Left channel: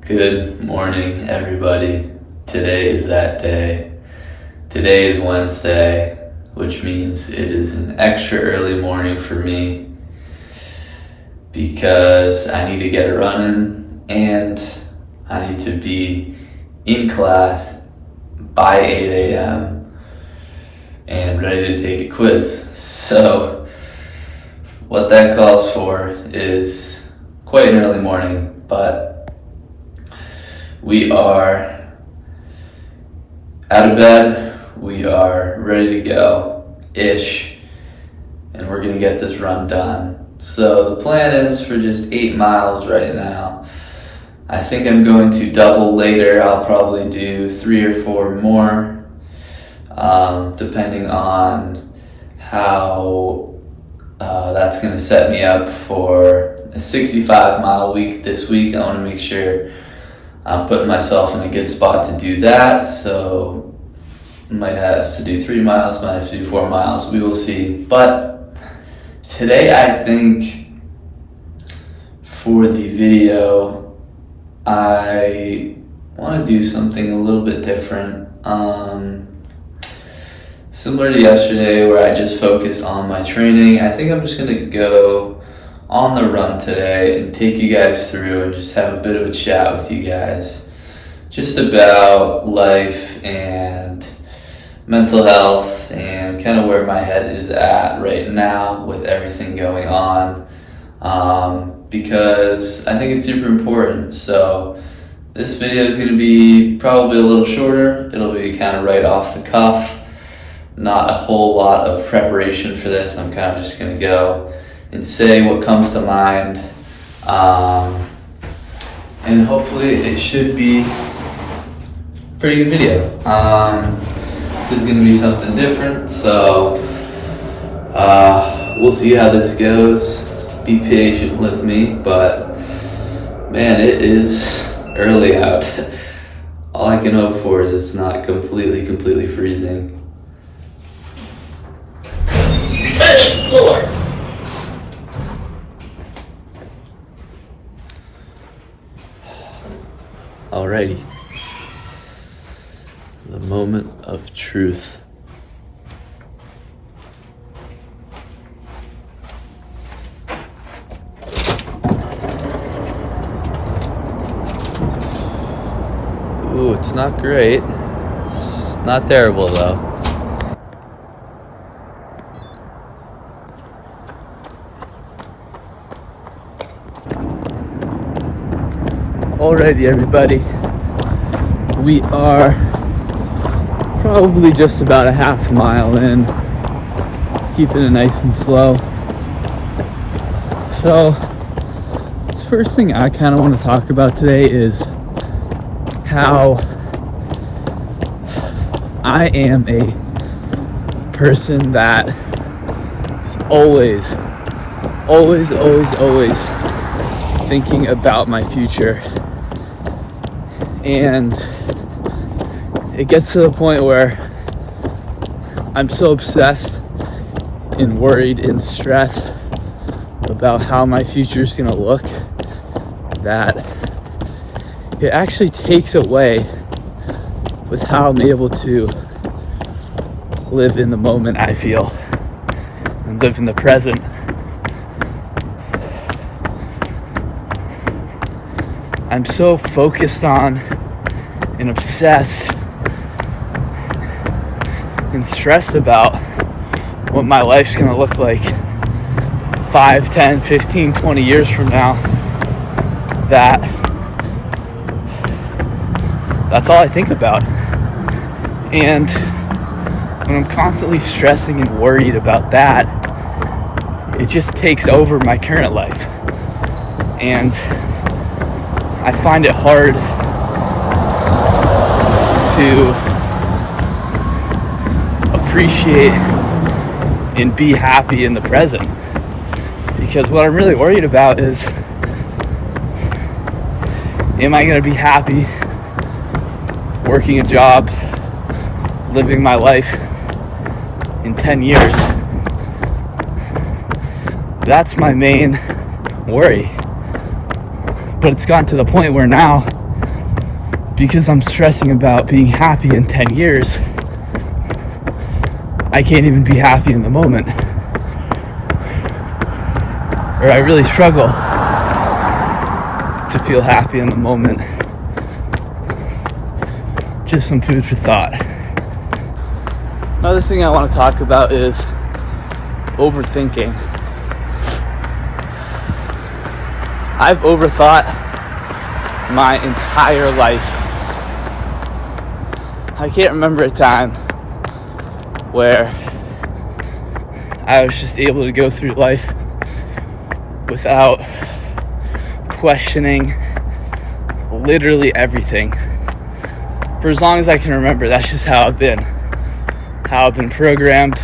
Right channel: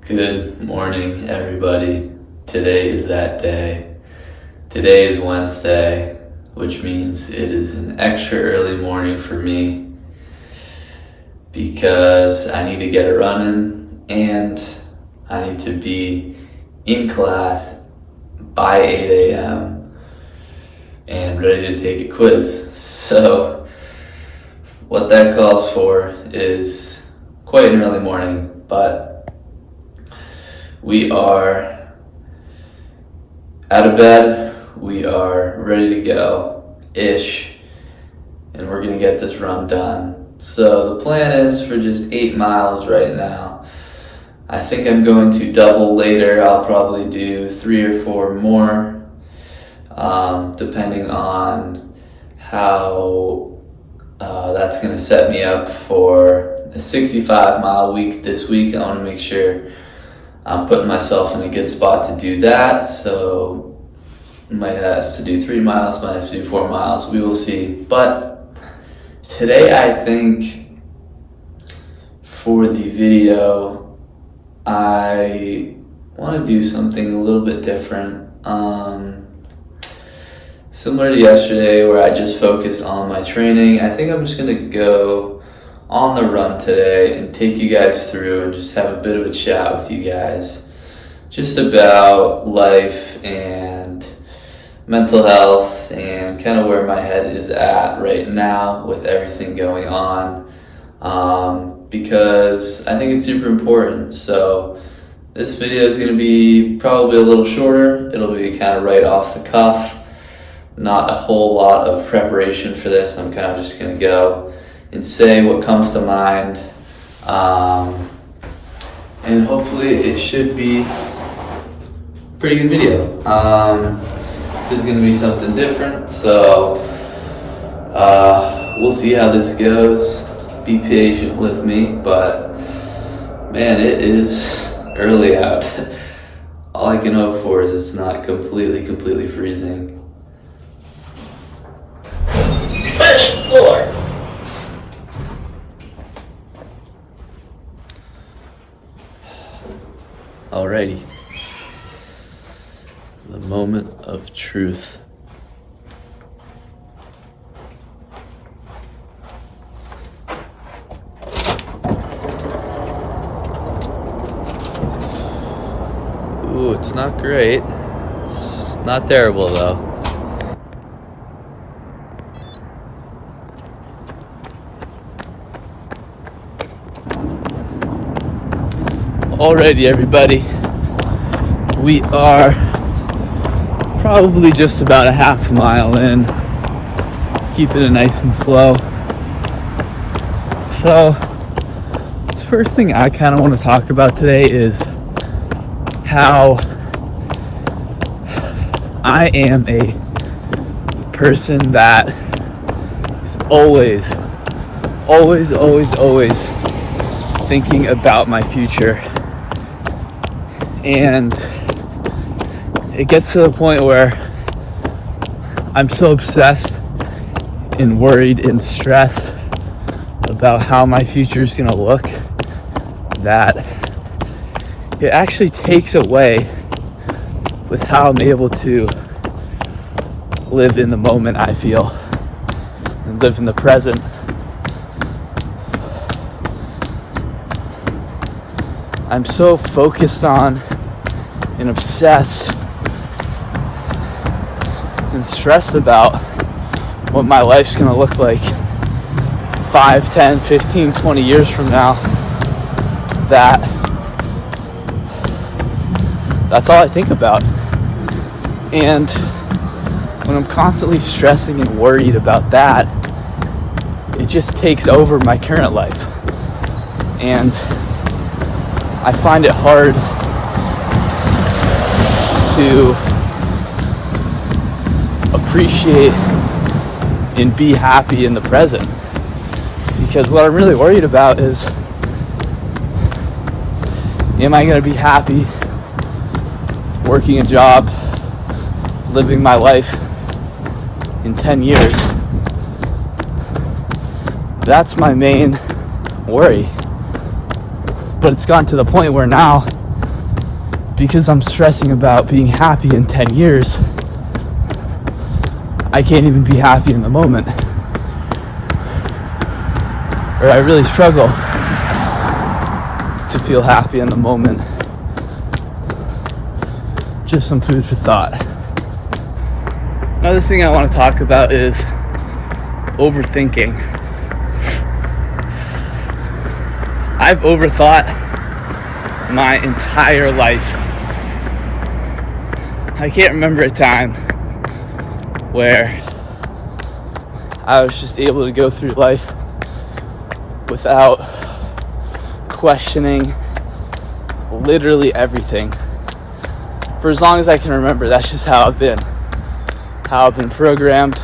Good morning, everybody. Today is that day. Today is Wednesday, which means it is an extra early morning for me because I need to get a run in and I need to be in class by 8 a.m. and ready to take a quiz. So what that calls for is quite an early morning, but we are out of bed, we are ready to go-ish, and we're gonna get this run done. So the plan is for just 8 miles right now. I think I'm going to double later. I'll probably do 3 or 4 more, depending on how that's gonna set me up for a 65-mile week this week. I wanna make sure I'm putting myself in a good spot to do that, so might have to do 3 miles, might have to do 4 miles, we will see. But today I think for the video, I want to do something a little bit different. Similar to yesterday where I just focused on my training, I think I'm just going to go on the run today and take you guys through and just have a bit of a chat with you guys just about life and mental health and kind of where my head is at right now with everything going on, because I think it's super important. So this video is going to be probably a little shorter. It'll be kind of right off the cuff, not a whole lot of preparation for this. I'm kind of just going to go and say what comes to mind, and hopefully it should be a pretty good video. This is going to be something different, so we'll see how this goes. Be patient with me, but man, it is early out. All I can hope for is it's not completely freezing. Floor. Alrighty. The moment of truth. Ooh, it's not great. It's not terrible though. Alrighty, everybody. We are probably just about a half mile in, keeping it nice and slow. So, the first thing I kind of want to talk about today is how I am a person that is always thinking about my future. And it gets to the point where I'm so obsessed and worried and stressed about how my future is gonna look that it actually takes away with how I'm able to live in the moment, I feel, and live in the present. I'm so focused on and obsessed and stressed about what my life's gonna look like 5, 10, 15, 20 years from now, that's all I think about. And when I'm constantly stressing and worried about that, it just takes over my current life. And I find it hard to appreciate and be happy in the present, because what I'm really worried about is, am I going to be happy working a job, living my life in 10 years? That's my main worry. But it's gotten to the point where now because I'm stressing about being happy in 10 years, I can't even be happy in the moment. Or I really struggle to feel happy in the moment. Just some food for thought. Another thing I want to talk about is overthinking. I've overthought my entire life. I can't remember a time where I was just able to go through life without questioning literally everything. For as long as I can remember, that's just how I've been programmed.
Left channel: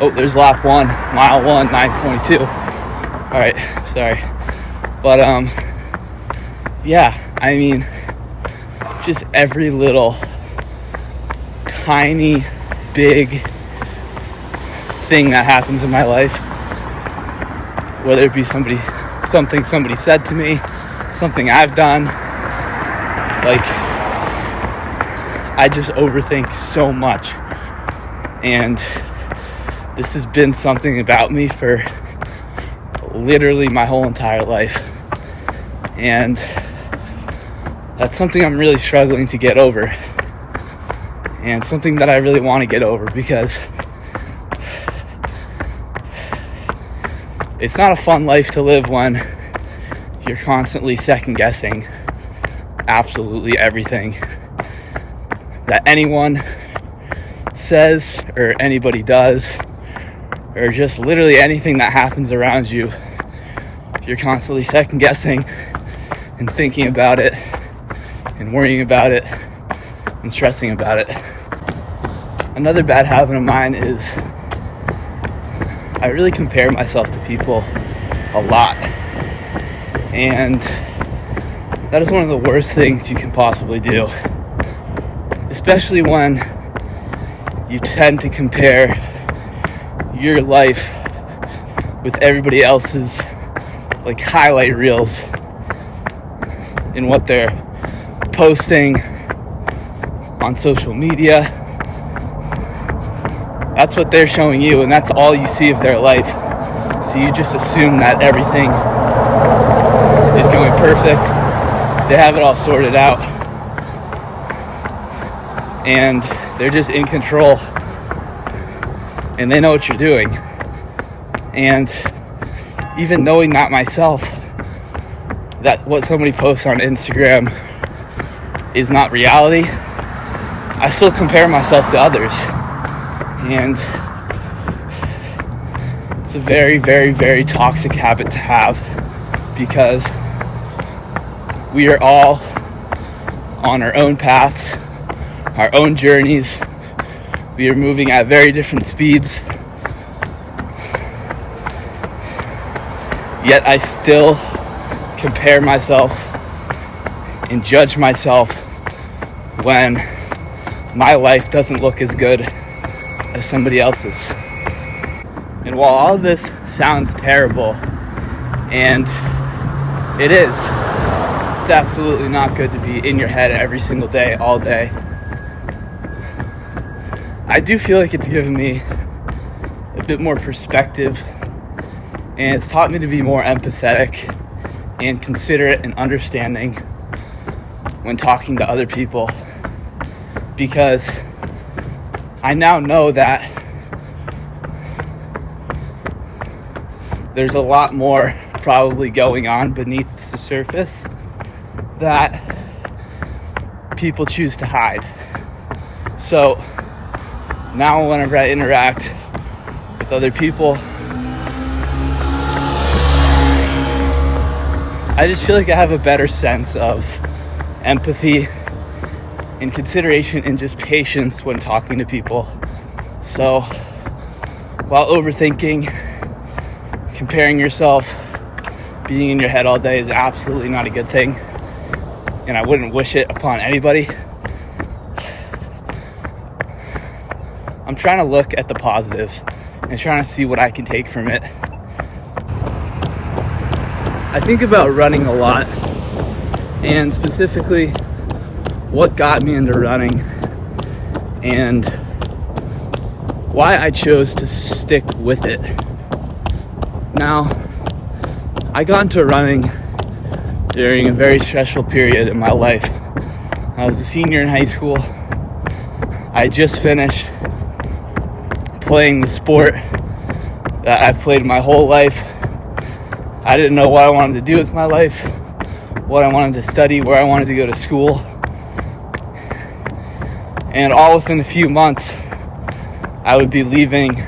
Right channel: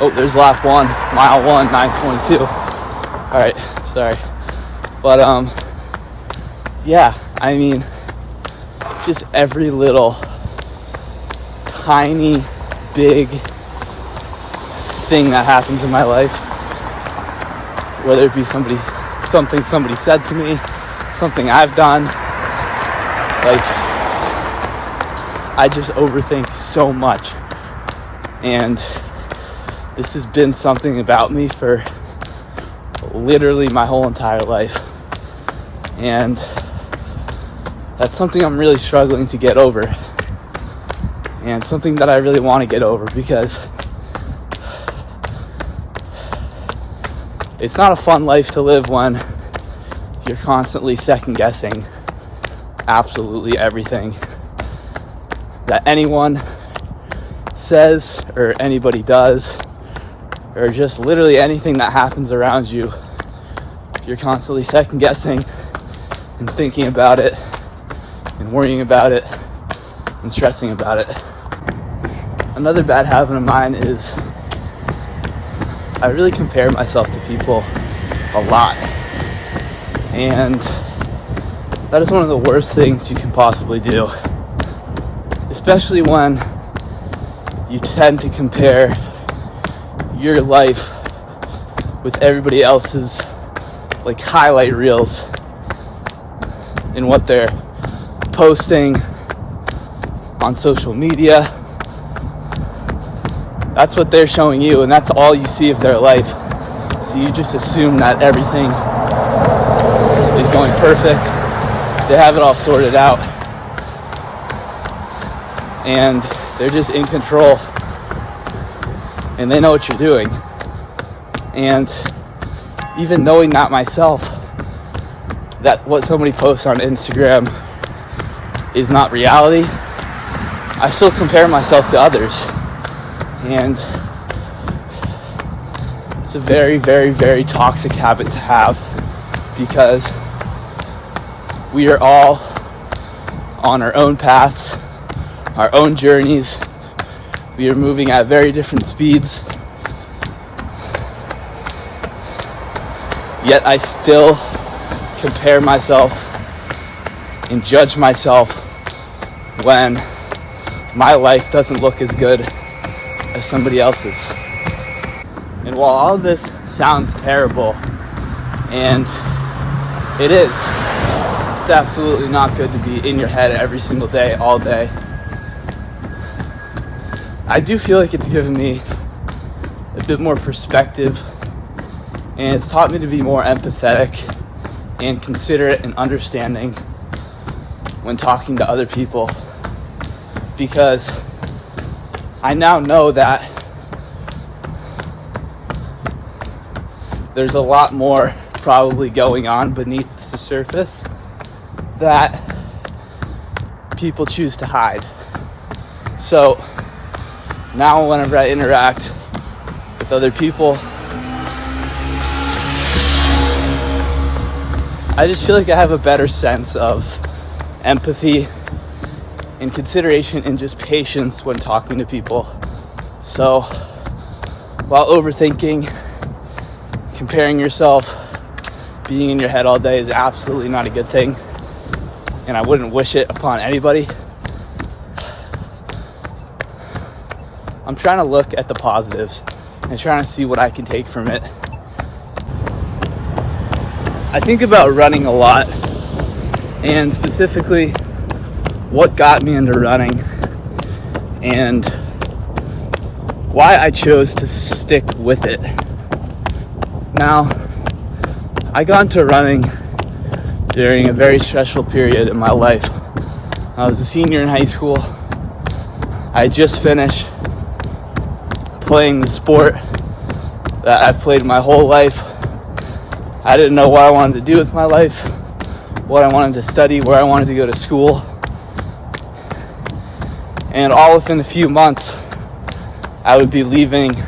Oh, there's lap 1, mile 1, 9:22. All right, sorry. But yeah, I mean, just every little tiny, big thing that happens in my life, whether it be something somebody said to me, something I've done, like, I just overthink so much. And this has been something about me for literally my whole entire life. And that's something I'm really struggling to get over. And something that I really want to get over, because it's not a fun life to live when you're constantly second guessing absolutely everything that anyone says or anybody does, or just literally anything that happens around you. You're constantly second guessing and thinking about it and worrying about it and stressing about it. Another bad habit of mine is I really compare myself to people a lot. And that is one of the worst things you can possibly do. Especially when you tend to compare your life with everybody else's, like, highlight reels in what they're posting on social media. That's what they're showing you, and that's all you see of their life. So you just assume that everything is going perfect. They have it all sorted out, and they're just in control, and they know what you're doing. And even knowing that myself, that what somebody posts on Instagram is not reality, I still compare myself to others. And it's a very, very, very toxic habit to have, because we are all on our own paths, our own journeys. We are moving at very different speeds. Yet I still compare myself and judge myself when my life doesn't look as good as somebody else's. And while all of this sounds terrible, and it is, it's absolutely not good to be in your head every single day, all day, I do feel like it's given me a bit more perspective, and it's taught me to be more empathetic and considerate and understanding when talking to other people, because I now know that there's a lot more probably going on beneath the surface that people choose to hide. So now whenever I interact with other people, I just feel like I have a better sense of empathy and consideration and just patience when talking to people. So while overthinking, comparing yourself, being in your head all day is absolutely not a good thing, and I wouldn't wish it upon anybody, I'm trying to look at the positives and trying to see what I can take from it. I think about running a lot, and specifically what got me into running and why I chose to stick with it. Now, I got into running during a very stressful period in my life. I was a senior in high school. I just finished playing the sport that I've played my whole life. I didn't know what I wanted to do with my life, what I wanted to study, where I wanted to go to school. And all within a few months, I would be leaving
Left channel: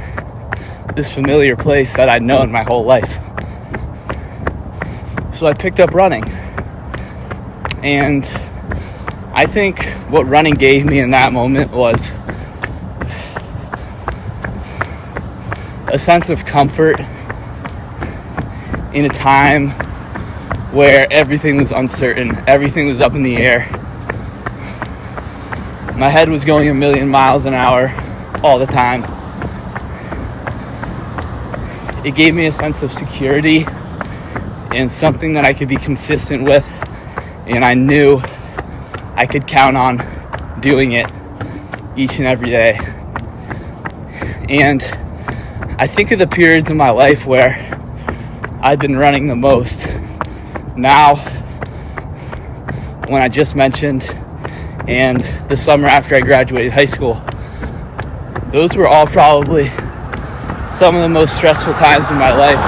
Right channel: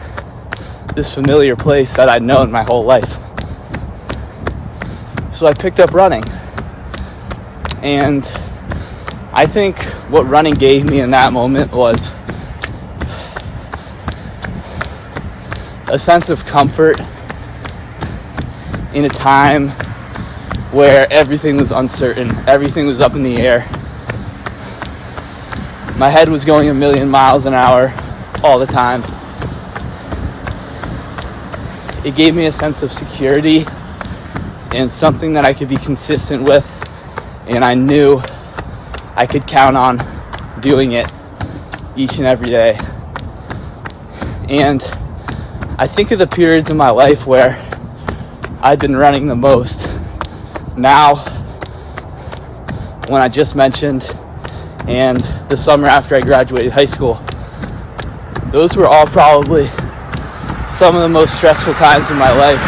this familiar place that I'd known my whole life. So I picked up running. And I think what running gave me in that moment was a sense of comfort in a time where everything was uncertain, everything was up in the air. My head was going a million miles an hour all the time. It gave me a sense of security and something that I could be consistent with, and I knew I could count on doing it each and every day. And I think of the periods in my life where I've been running the most. Now, when I just mentioned, and the summer after I graduated high school, those were all probably some of the most stressful times in my life.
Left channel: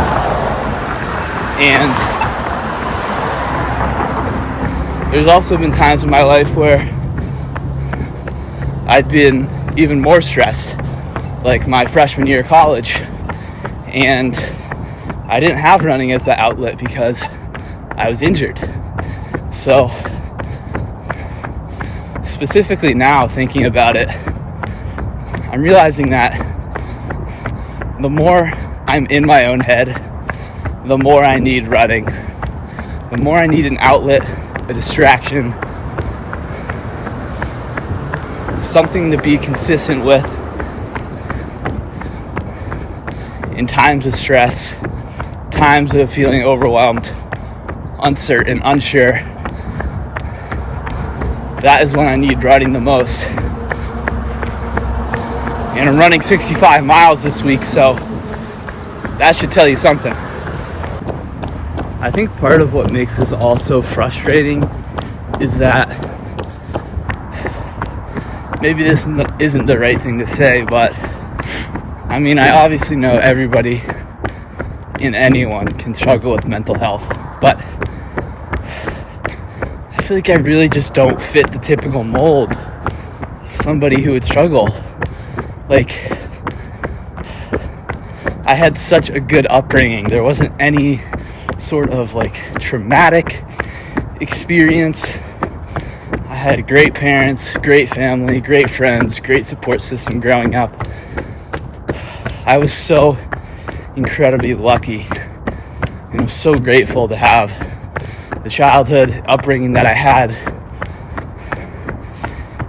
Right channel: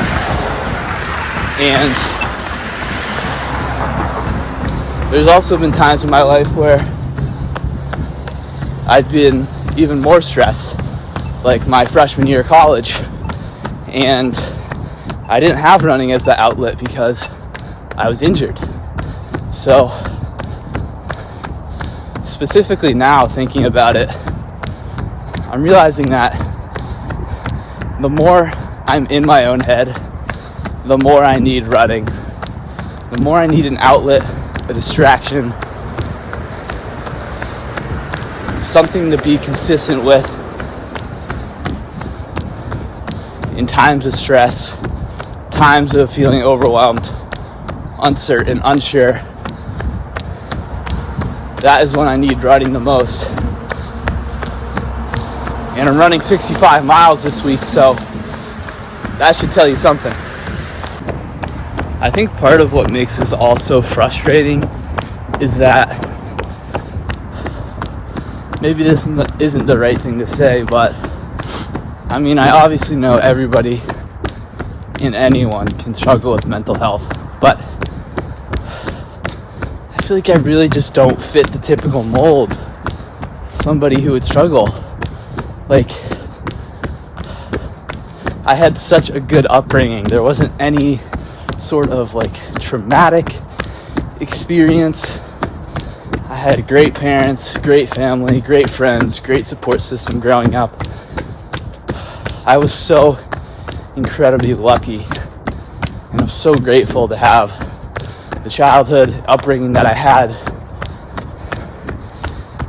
And there's also been times in my life where I'd been even more stressed, like my freshman year of college, and I didn't have running as the outlet because I was injured. So specifically now, thinking about it, I'm realizing that the more I'm in my own head, the more I need running, the more I need an outlet, a distraction, something to be consistent with in times of stress, times of feeling overwhelmed, uncertain, unsure. That is when I need running the most. And I'm running 65 miles this week, so that should tell you something. I think part of what makes this all so frustrating is that maybe this isn't the right thing to say, but I mean, I obviously know everybody and anyone can struggle with mental health, but I feel like I really just don't fit the typical mold of somebody who would struggle. Like, I had such a good upbringing. There wasn't any sort of like traumatic experience. I had great parents, great family, great friends, great support system growing up. I was so incredibly lucky, and I'm so grateful to have the childhood upbringing that I had.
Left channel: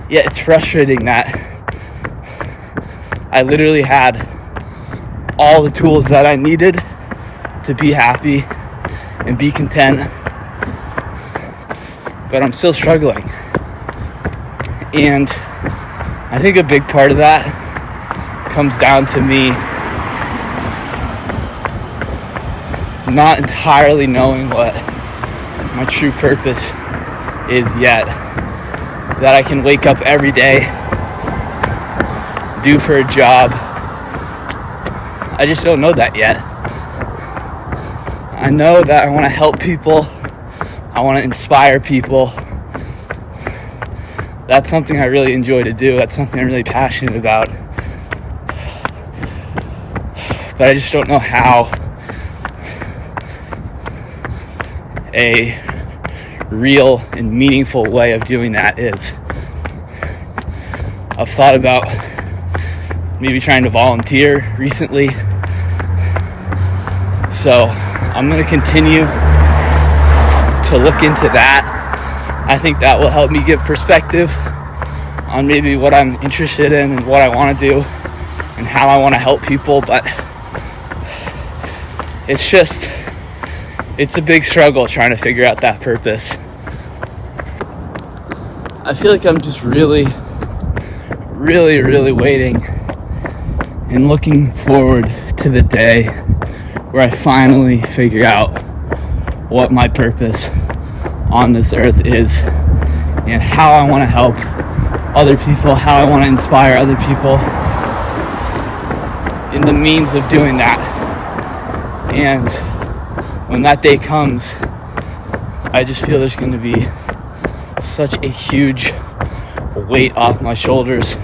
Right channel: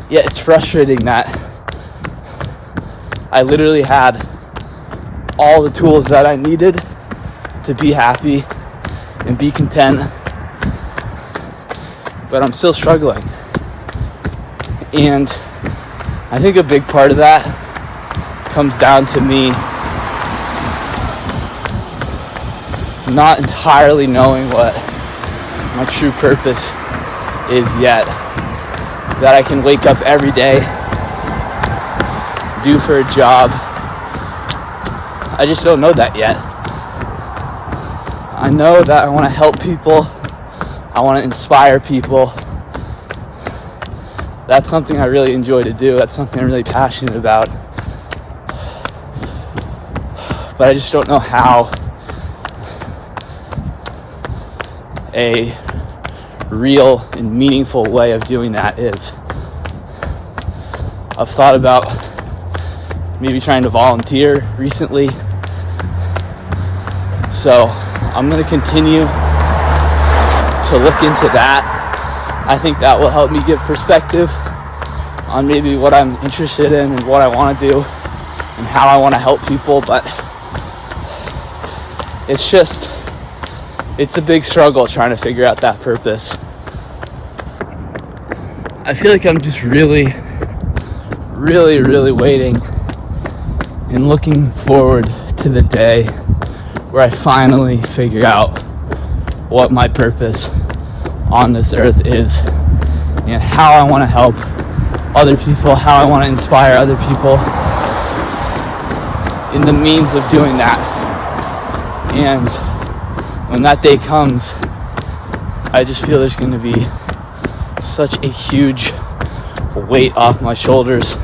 Yet it's frustrating that I literally had all the tools that I needed to be happy and be content, but I'm still struggling. And I think a big part of that comes down to me not entirely knowing what my true purpose is yet. That I can wake up every day, do for a job. I just don't know that yet. I know that I want to help people. I want to inspire people. That's something I really enjoy to do. That's something I'm really passionate about. But I just don't know how a real and meaningful way of doing that is. I've thought about maybe trying to volunteer recently. So I'm going to continue to look into that. I think that will help me give perspective on maybe what I'm interested in and what I want to do and how I want to help people. But it's a big struggle trying to figure out that purpose. I feel like I'm just really waiting and looking forward to the day where I finally figure out what my purpose on this earth is and how I want to help other people, how I want to inspire other people in the means of doing that. And when that day comes, I just feel there's going to be such a huge weight off my shoulders.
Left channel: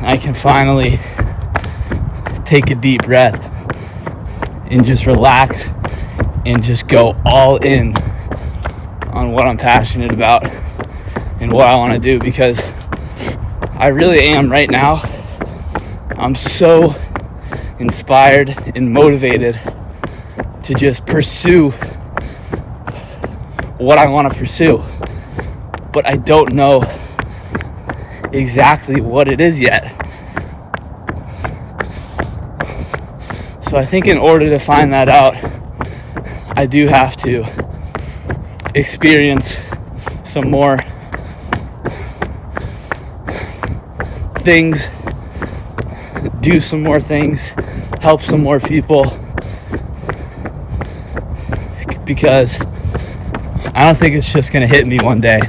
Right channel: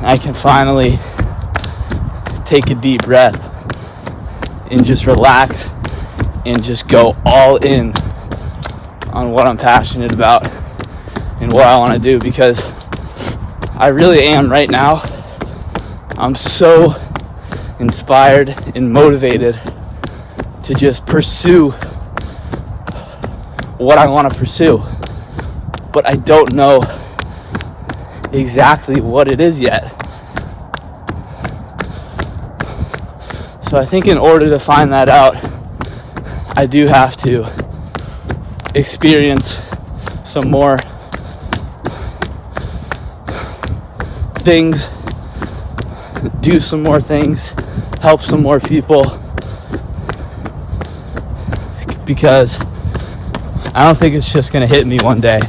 I can finally take a deep breath and just relax and just go all in on what I'm passionate about and what I want to do, because I really am right now. I'm so inspired and motivated to just pursue what I want to pursue, but I don't know exactly what it is yet. So I think in order to find that out, I do have to experience some more things, do some more things, help some more people, because I don't think it's just going to hit me one day.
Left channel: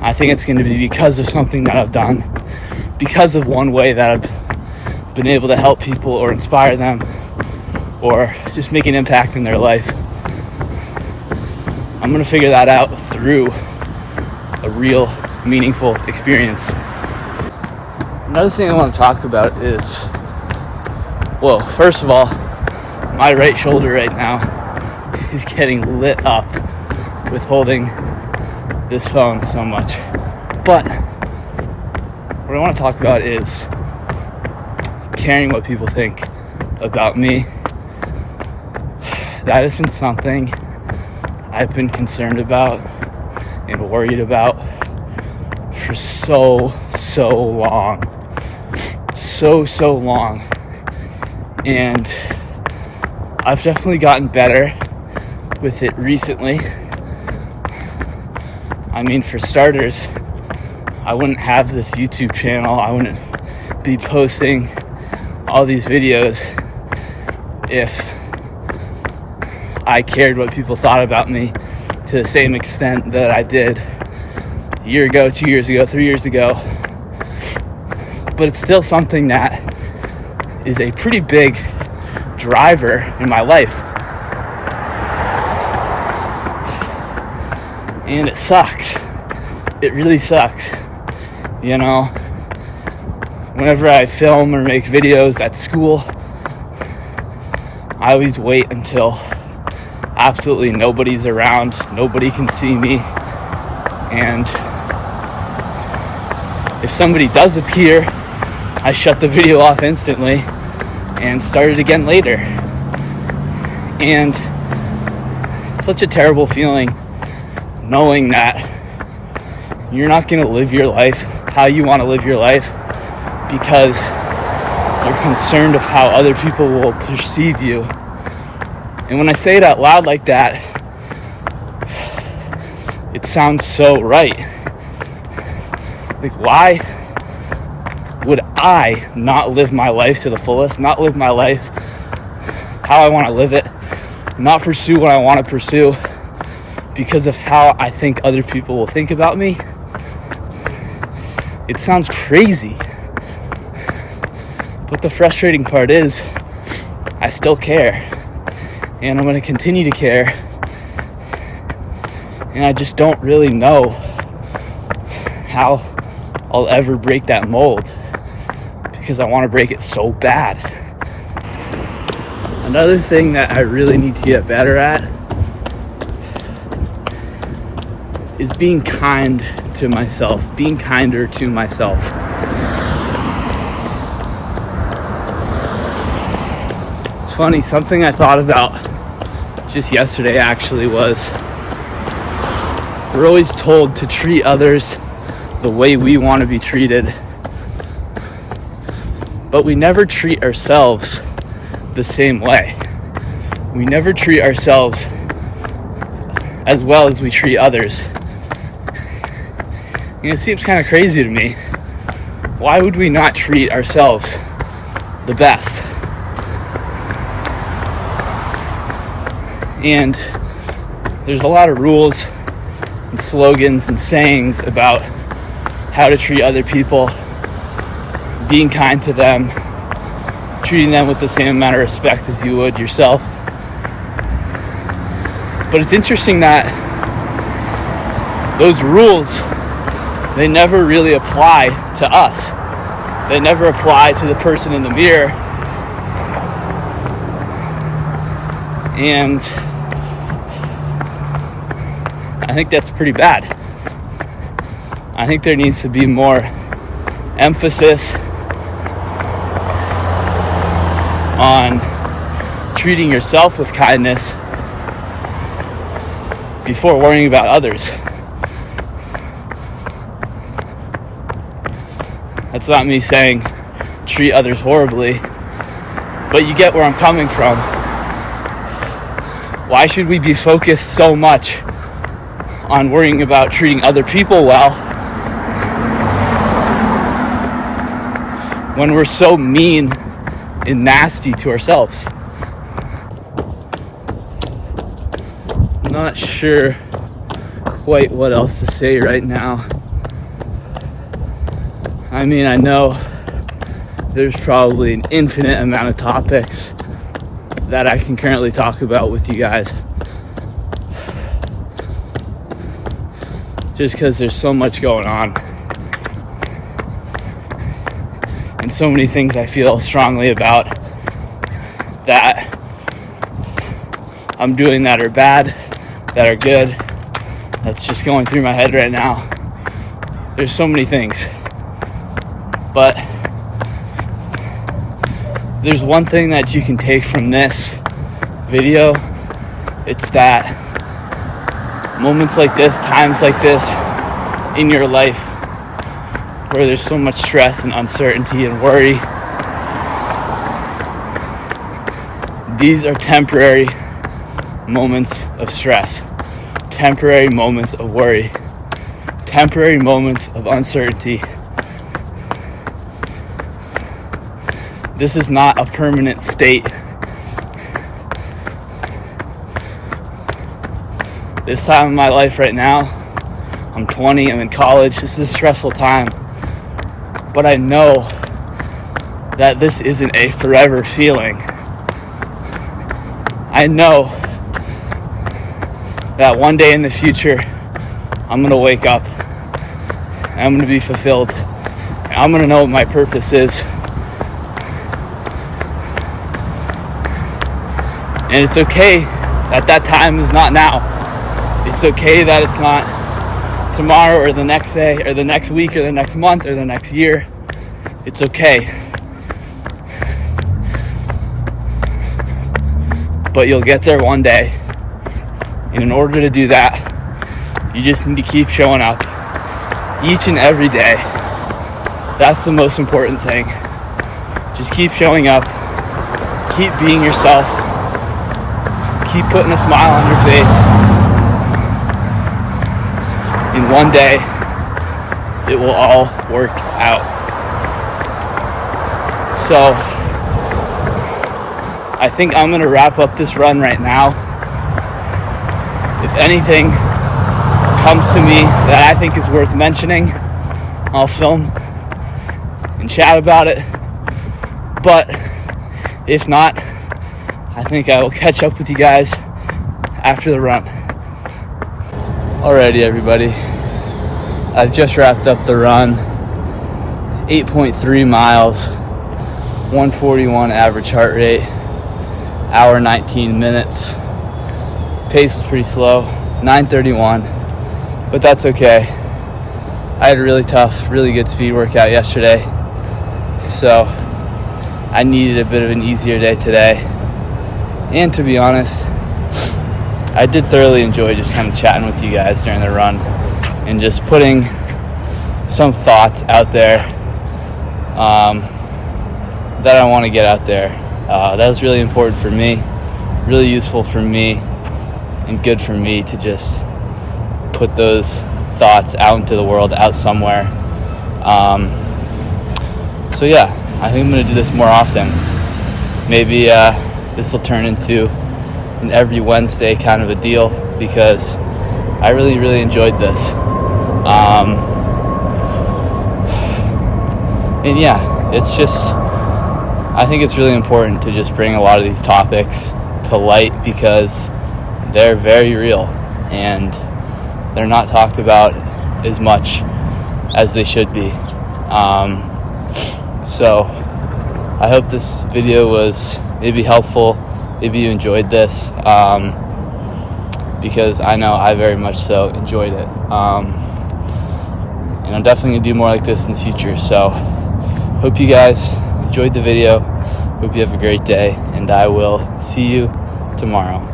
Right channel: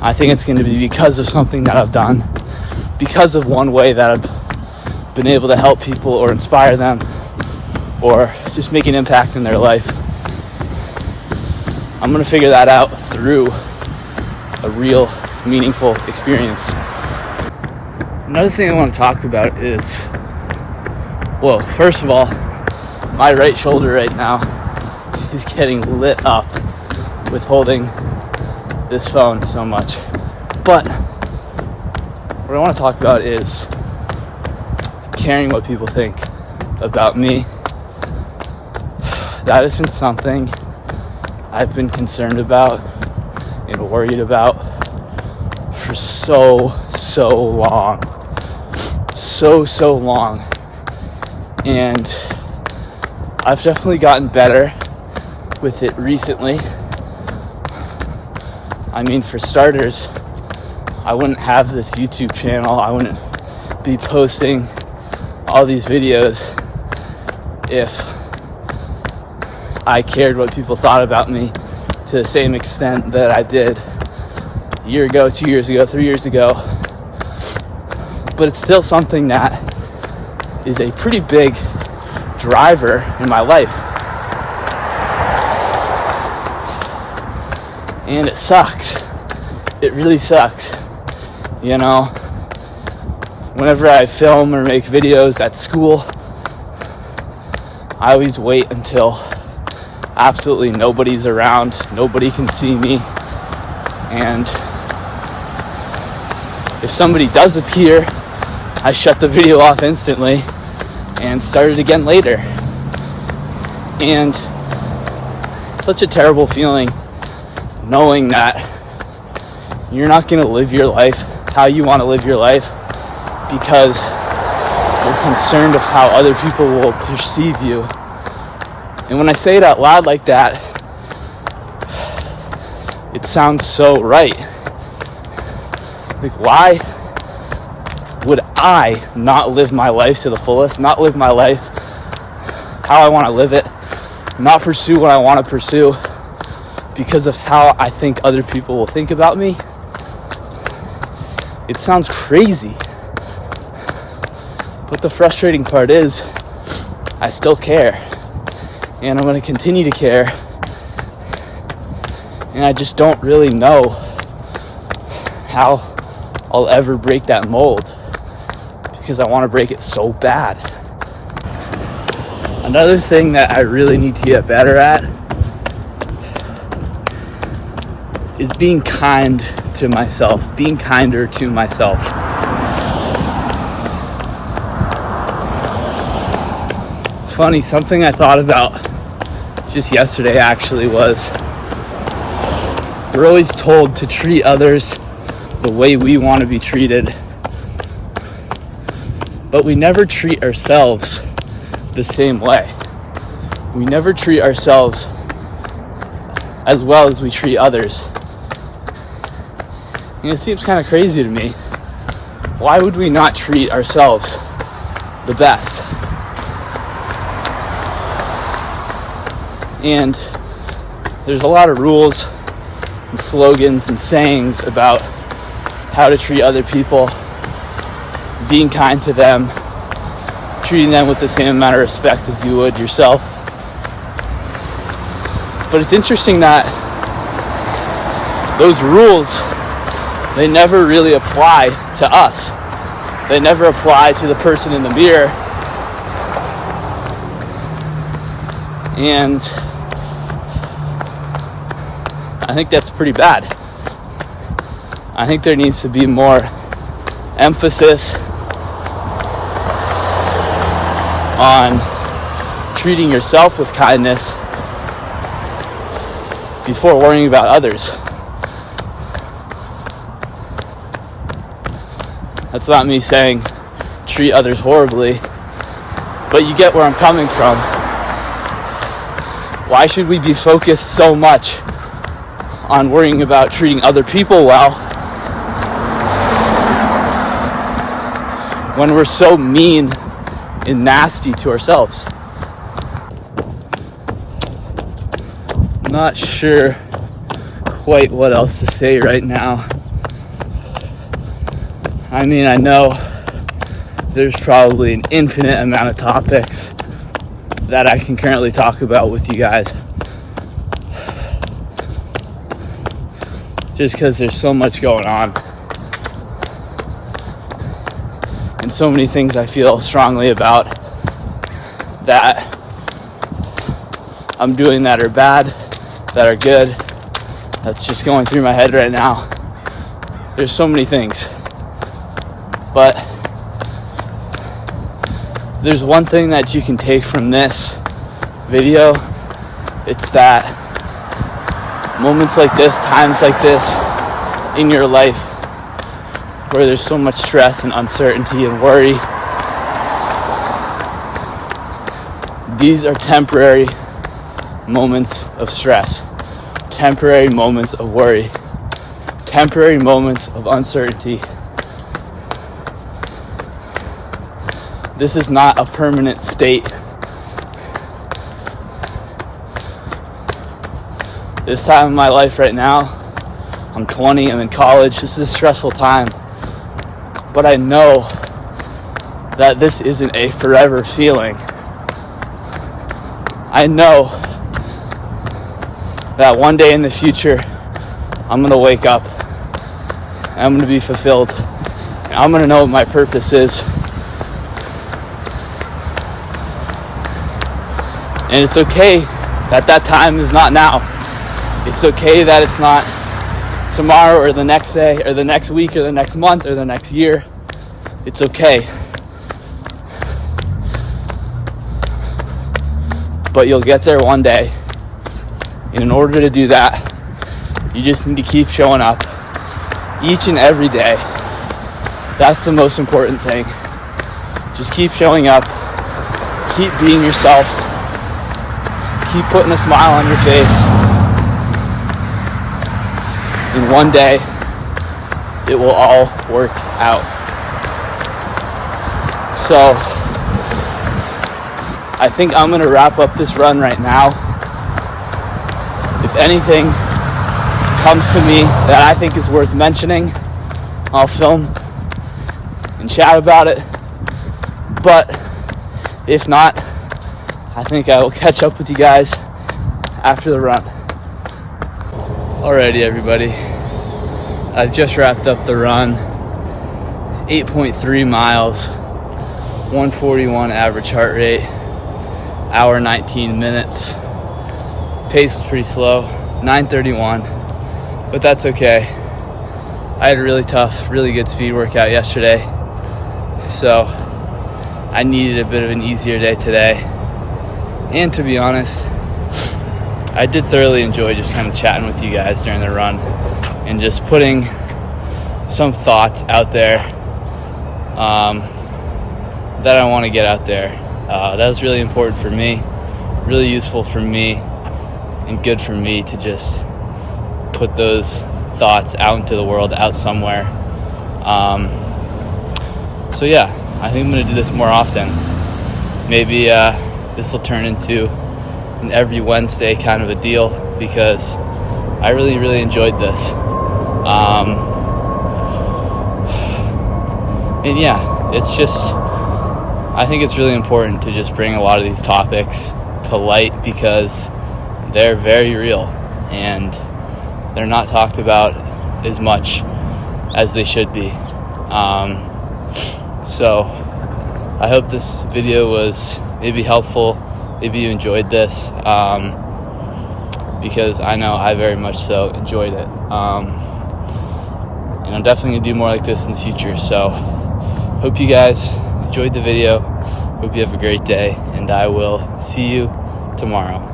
I think it's going to be because of something that I've done, because of one way that I've been able to help people or inspire them or just make an impact in their life. I'm going to figure that out through a real, meaningful experience. Another thing I want to talk about is, well, first of all, my right shoulder right now is getting lit up with holding this phone so much. But what I want to talk about is caring what people think about me. That has been something I've been concerned about and worried about for so long. So long. And I've definitely gotten better with it recently. I mean, for starters, I wouldn't have this YouTube channel. I wouldn't be posting all these videos if I cared what people thought about me to the same extent that I did a year ago, 2 years ago, 3 years ago. But it's still something that is a pretty big driver in my life. And it sucks. It really sucks. You know, whenever I film or make videos at school, I always wait until absolutely nobody's around, nobody can see me, and if somebody does appear, I shut the video off instantly and start it again later. And it's such a terrible feeling knowing that you're not going to live your life how you want to live your life because you're concerned of how other people will perceive you. And when I say it out loud like that, it sounds so right. Like, why would I not live my life to the fullest, not live my life how I want to live it, not pursue what I want to pursue because of how I think other people will think about me? It sounds crazy. But the frustrating part is, I still care. And I'm going to continue to care. And I just don't really know how I'll ever break that mold, because I want to break it so bad. Another thing that I really need to get better at is being kind to myself, being kinder to myself. It's funny, something I thought about just yesterday actually was, we're always told to treat others the way we want to be treated, but we never treat ourselves the same way. We never treat ourselves as well as we treat others. it seems kind of crazy to me. Why would we not treat ourselves the best? And there's a lot of rules and slogans and sayings about how to treat other people, being kind to them, treating them with the same amount of respect as you would yourself. But it's interesting that those rules, they never really apply to us. They never apply to the person in the mirror. And I think that's pretty bad. I think there needs to be more emphasis on treating yourself with kindness before worrying about others. That's not me saying treat others horribly, but you get where I'm coming from. Why should we be focused so much on worrying about treating other people well when we're so mean and nasty to ourselves? I'm not sure quite what else to say right now. I mean, I know there's probably an infinite amount of topics that I can currently talk about with you guys, just because there's so much going on and so many things I feel strongly about that I'm doing that are bad, that are good, that's just going through my head right now. There's so many things, but there's one thing that you can take from this video. It's that moments like this, times like this in your life where there's so much stress and uncertainty and worry, these are temporary moments of stress, temporary moments of worry, temporary moments of uncertainty. This is not a permanent state. This time in my life right now, I'm 20, I'm in college, this is a stressful time. But I know that this isn't a forever feeling. I know that one day in the future, I'm gonna wake up, and I'm gonna be fulfilled, and I'm gonna know what my purpose is. And it's okay that that time is not now. It's okay that it's not tomorrow or the next day or the next week or the next month or the next year. It's okay. But you'll get there one day. And in order to do that, you just need to keep showing up each and every day. That's the most important thing. Just keep showing up. Keep being yourself. Keep putting a smile on your face. And one day, it will all work out. So, I think I'm gonna wrap up this run right now. If anything comes to me that I think is worth mentioning, I'll film and chat about it. But if not, I think I will catch up with you guys after the run. Alrighty, everybody. I've just wrapped up the run. It's 8.3 miles, 141 average heart rate, hour 19 minutes. Pace was pretty slow, 9:31, but that's okay. I had a really tough, really good speed workout yesterday, so I needed a bit of an easier day today. And to be honest, I did thoroughly enjoy just kind of chatting with you guys during the run and just putting some thoughts out there that I want to get out there. That was really important for me, really useful for me, and good for me to just put those thoughts out into the world, out somewhere. So yeah, I think I'm going to do this more often. Maybe this will turn into an every Wednesday kind of a deal, because I really, really enjoyed this. And yeah, it's just, I think it's really important to just bring a lot of these topics to light, because they're very real and they're not talked about as much as they should be. So I hope this video was maybe helpful, maybe you enjoyed this, because I know I very much so enjoyed it. And I'm definitely gonna do more like this in the future. So hope you guys enjoyed the video. Hope you have a great day, and I will see you tomorrow.